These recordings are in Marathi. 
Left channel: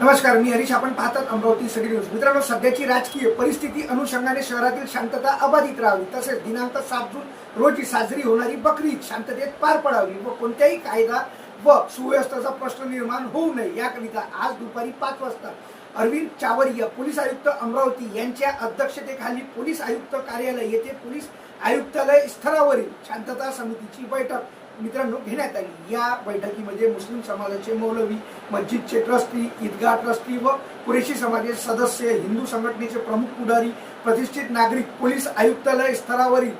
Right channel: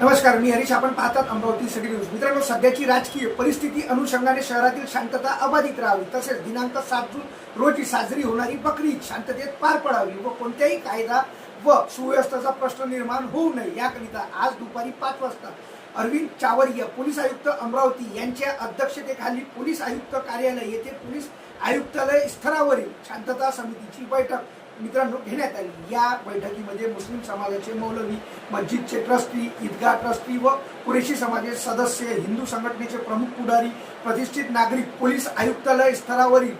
नमस्कार मी हरीश. आपण पाहतात अमरावती सिटी न्यूज. मित्रांनो सध्याची राजकीय परिस्थिती अनुषंगाने शहरातील शांतता अबाधित राहावी तसेच दिनांक सात जून रोजी साजरी होणारी बकरी शांततेत पार पडावी व कोणत्याही कायदा व सुव्यवस्थेचा प्रश्न निर्माण होऊ नये याकरिता आज दुपारी पाच वाजता अरविंद चावरिया पोलीस आयुक्त अमरावती यांच्या अध्यक्षतेखाली पोलीस आयुक्त कार्यालय येथे पोलीस आयुक्तालय स्तरावरील शांतता समितीची बैठक मित्रांनो घेण्यात आली. या बैठकीमध्ये मुस्लिम समाजाचे मौलवी मस्जिदचे ट्रस्टी ईदगाह ट्रस्टी व कुरेशी समाजाचे सदस्य हिंदू संघटनेचे प्रमुख पुढारी प्रतिष्ठित नागरिक पोलीस आयुक्तालय स्तरावरील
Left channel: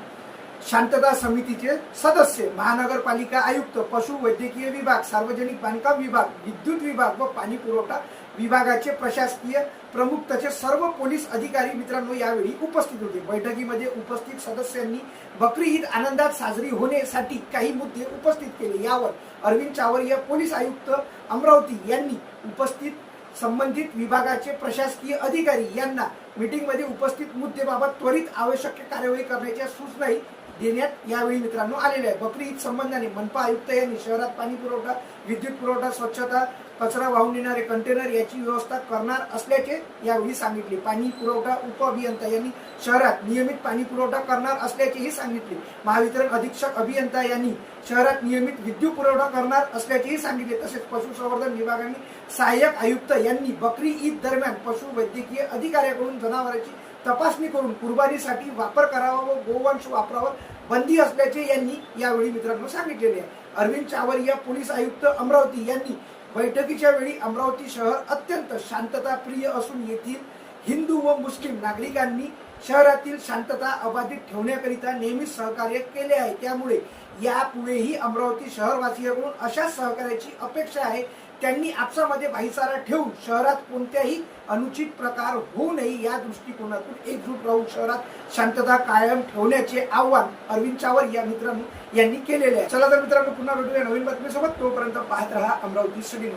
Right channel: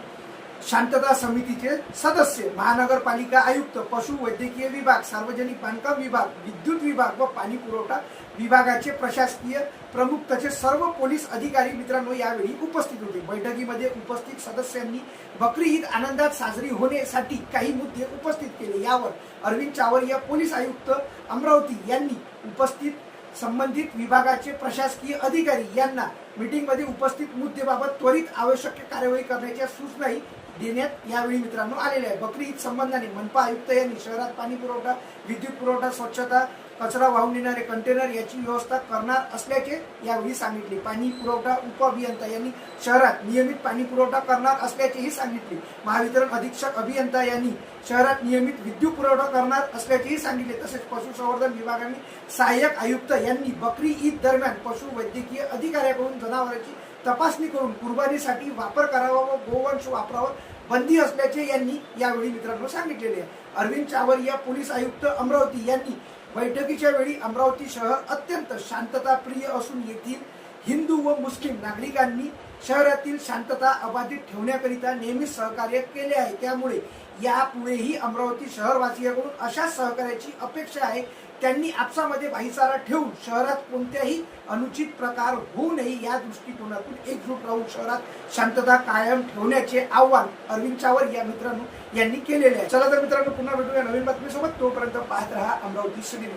शांतता समितीचे सदस्य महानगरपालिका आयुक्त पशु वैद्यकीय विभाग सार्वजनिक बांधकाम विभाग विद्युत विभाग व पाणी पुरवठा विभागाचे प्रशासकीय प्रमुख तसेच सर्व पोलीस अधिकारी मित्रांनो यावेळी उपस्थित होते. बैठकीमध्ये उपस्थित सदस्यांनी बकरी ईद आनंदात साजरी होण्यासाठी काही मुद्दे उपस्थित केले. यावर अरविंद चावरिया पोलीस आयुक्त अमरावती यांनी उपस्थित संबंधित विभागाचे प्रशासकीय अधिकारी यांना मीटिंगमध्ये उपस्थित मुद्देबाबत त्वरित आवश्यक कार्यवाही करण्याच्या सूचनाही देण्यात यावेळी मित्रांनो आलेल्या आहे बकरी ईद संबंधाने मनपा आयुक्त यांनी शहरात पाणी पुरवठा विद्युत पुरवठा स्वच्छता कचरा वाहून नेणारे कंटेनर याची व्यवस्था करणार असल्याचे यावेळी सांगितले. पाणी पुरवठा उपअभियंता यांनी शहरात नियमित पाणी पुरवठा करणार असल्याचेही सांगितले. महावितरण अधीक्षक अभियंता यांनी शहरात नियमित विद्युत पुरवठा करणार असल्याचेही सांगितले. तसेच पशुसंवर्धन विभागाने सहाय्यक आयुक्त यांनी बकरी ईद दरम्यान पशु वैद्यकीय अधिकाऱ्याकडून जनावरांची तपासणी करून कुर्बानीसाठी वापर करावा व गोवंश वापरावर बंदी असल्याचे यांनी यावेळी मित्रांनो सांगितलेले आहे. अरविंद चावरिया पोलीस आयुक्त अमरावती यांनी बैठकीच्या वेळी अमरावती शहर अत्यंत शांतताप्रिय असून येथील हिंदू व मुस्लिम नागरिकांनी शहरातील शांतता अबाधित ठेवण्याकरिता नेहमीच सहकार्य केले आहे. त्यामुळे यापुढेही अमरावती शहरवासियांकडून अशा सहकार्याची अपेक्षा आहे. त्यांनी आपसामध्ये भाईचारा ठेवून शहरात कोणत्याही अनुचित प्रकार होऊ नये या दृष्टिकोनातून एकजूट राहून शहरात शांतता कायम ठेवण्याचे आव्हान अरविंद चावर या मित्रांनो यांनी केलेले आहे. चला तर मित्रांनो पुन्हा भेटूया नवीन बातमीसोबत. तोपर्यंत पाहत रहा अमरावती सिटी